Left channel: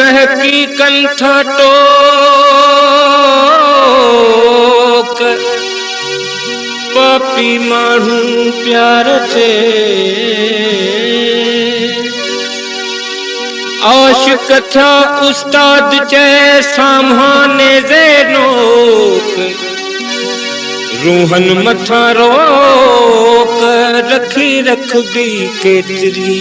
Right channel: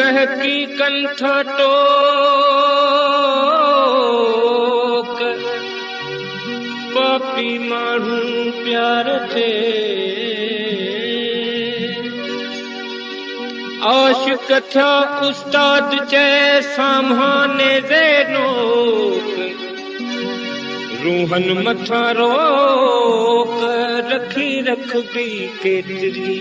टहकी कंठ टोक पापी माण्हू प्यार ते आशिक था उस्ताद चए सामाने ज़ेनोक रूहन मथा रोक रखी रखबी केतरी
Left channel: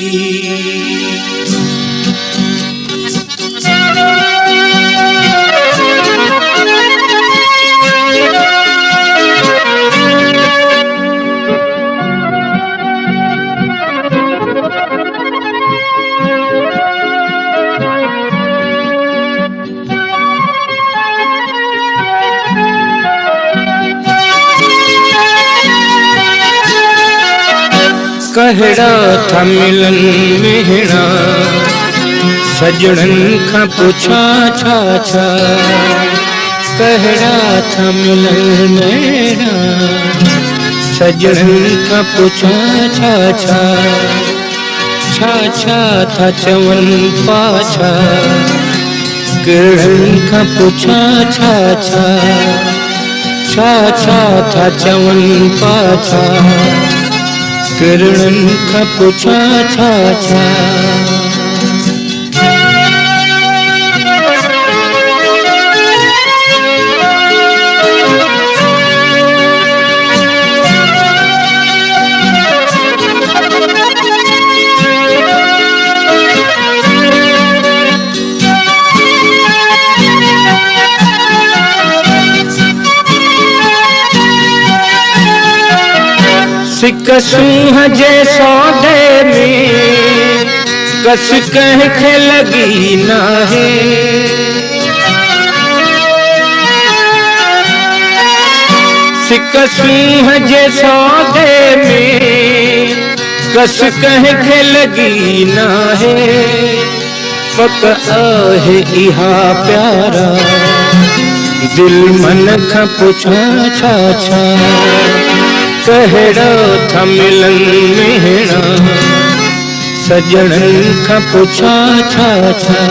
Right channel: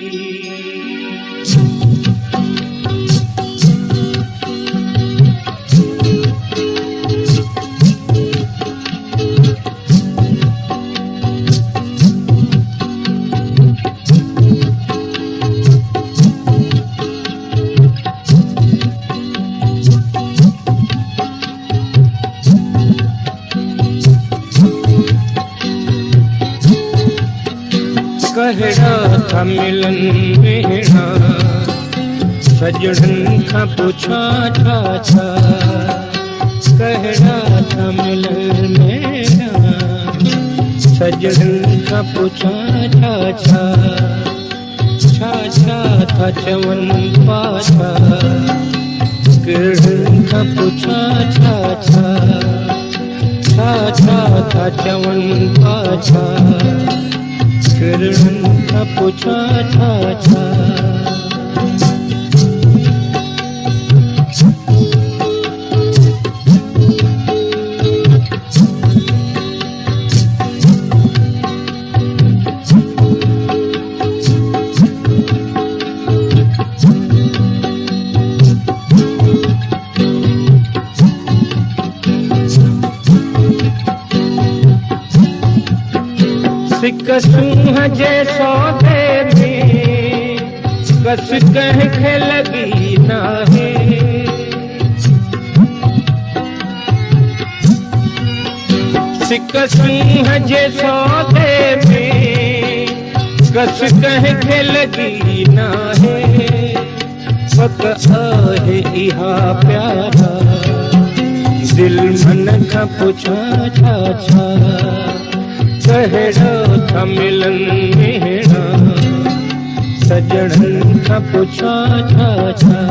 कहड़ा था मिलन मेहणा सजणन का पुछा छा छा कहड़ा था मिलन मेहणा सजणन का पुछा छा छा छा छा था चवन पाछा किरण का पुछा छा छा छा छा था चवन पाछा किरण का पुछा छा छा सिकसूं जे सौदे में कस कंहिंखे लगी नाहे सिकसूं जे सौदे में कस कंहिंखे लगी नाहे पक आहे इहा प्यारा दिल मन खां पुछा छा छा कहड़ा था मिलन मेहणा सजणन का पुछा छा छा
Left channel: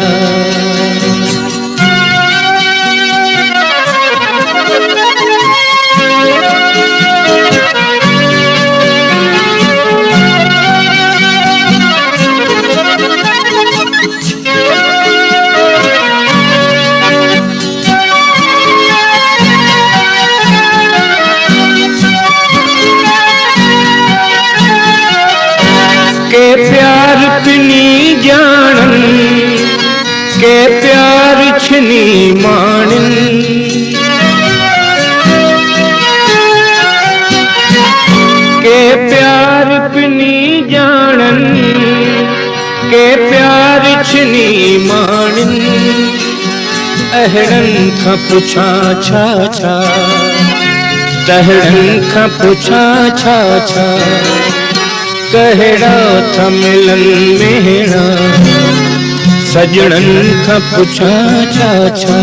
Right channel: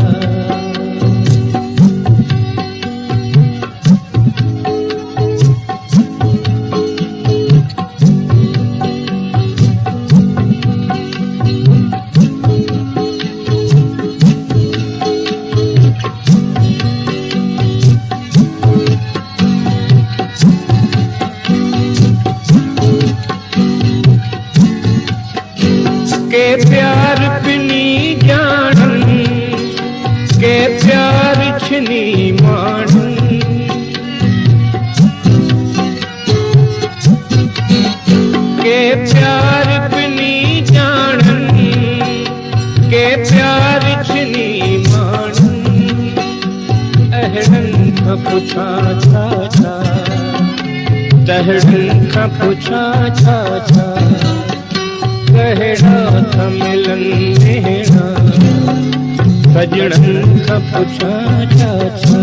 के प्यार पिनी जानन के प्यार छिनी माणन के प्यार पिनी जानन के प्यार छिनी माणन अहड़न का पुछा छा छा तहड़न का पुछा छा छा कहड़ा था मिलन मेहणा सजणन का पुछा छा छा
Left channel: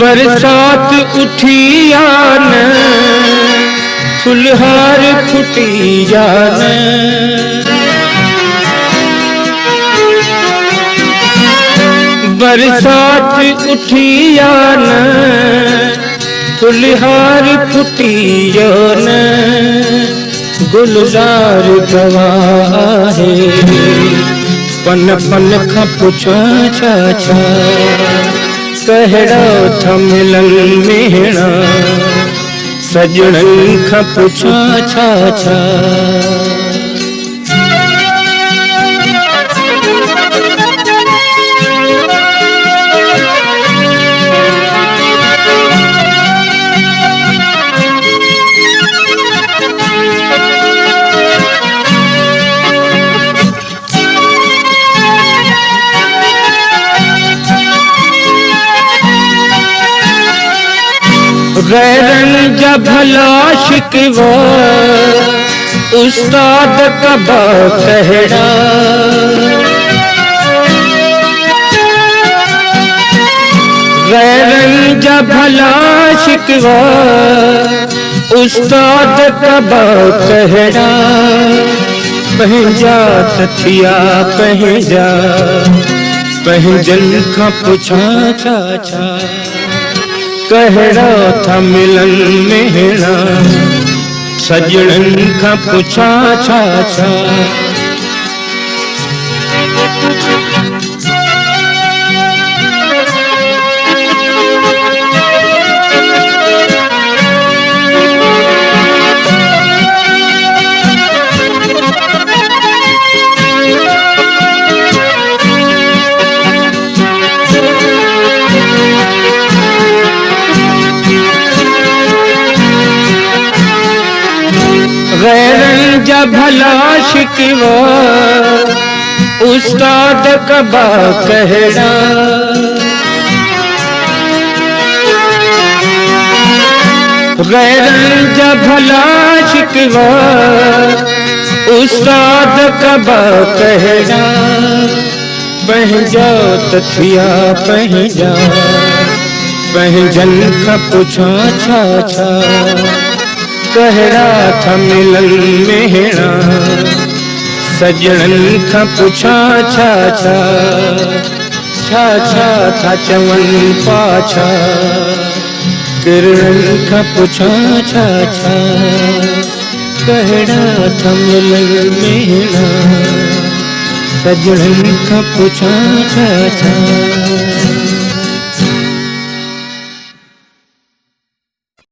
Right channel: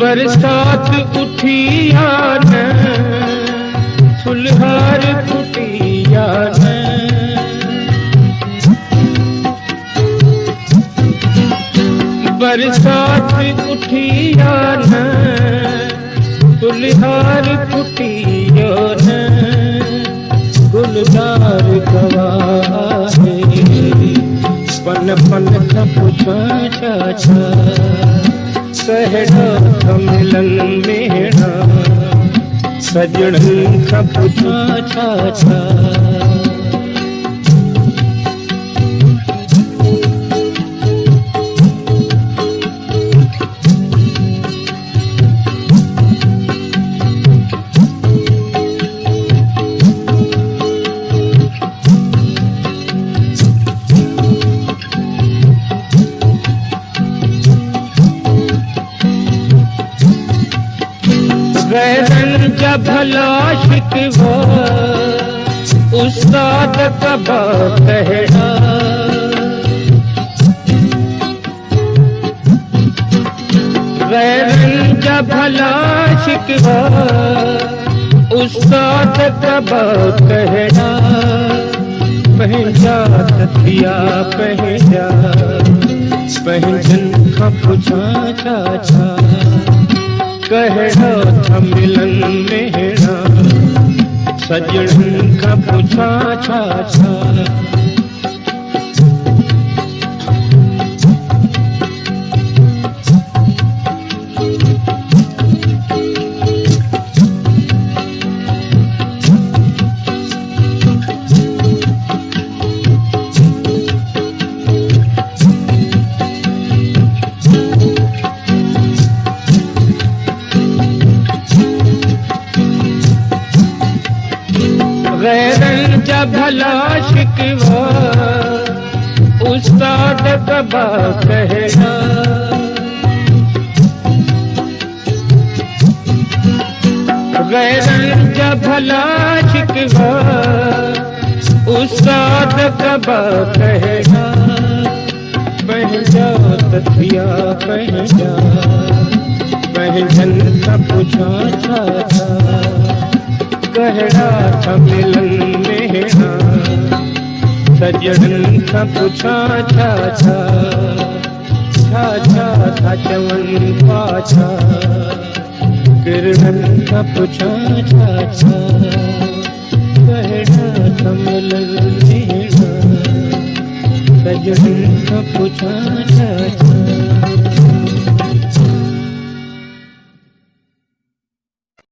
बरसात उठी आन फुलहार फुटी जान बरसात उठी आन फुलहार फुटी जान गुलजार गवाह है पन पन का पुछा छा छा कहड़ा था मिलन मेहणा सजणन का पुछा छा छा गैरन जब भला शिकवा उस्ताद कबा कहड़ा। गैरन जब भला शिकवा उस्ताद कबा कहड़ा। पहजा तथिया पहजा पहजन का पुछा छा छा। कहड़ा था मिलन मेरा सजन का पुछा छा छा। गैरन जब भला शिकवा उस्ताद कबा कहड़ा। गैरन जब भला शिकवा उस्ताद कबा कहड़ा। पहजा तथिया पहजा पहजन का पुछा छा छा। कहड़ा था मिलन मेरा सजन का पुछा छा छा। छा छा था चमन पाछा किरण का पुछा छा छा। कहड़ा था मिलन मेरा सजन का पुछा छा छा।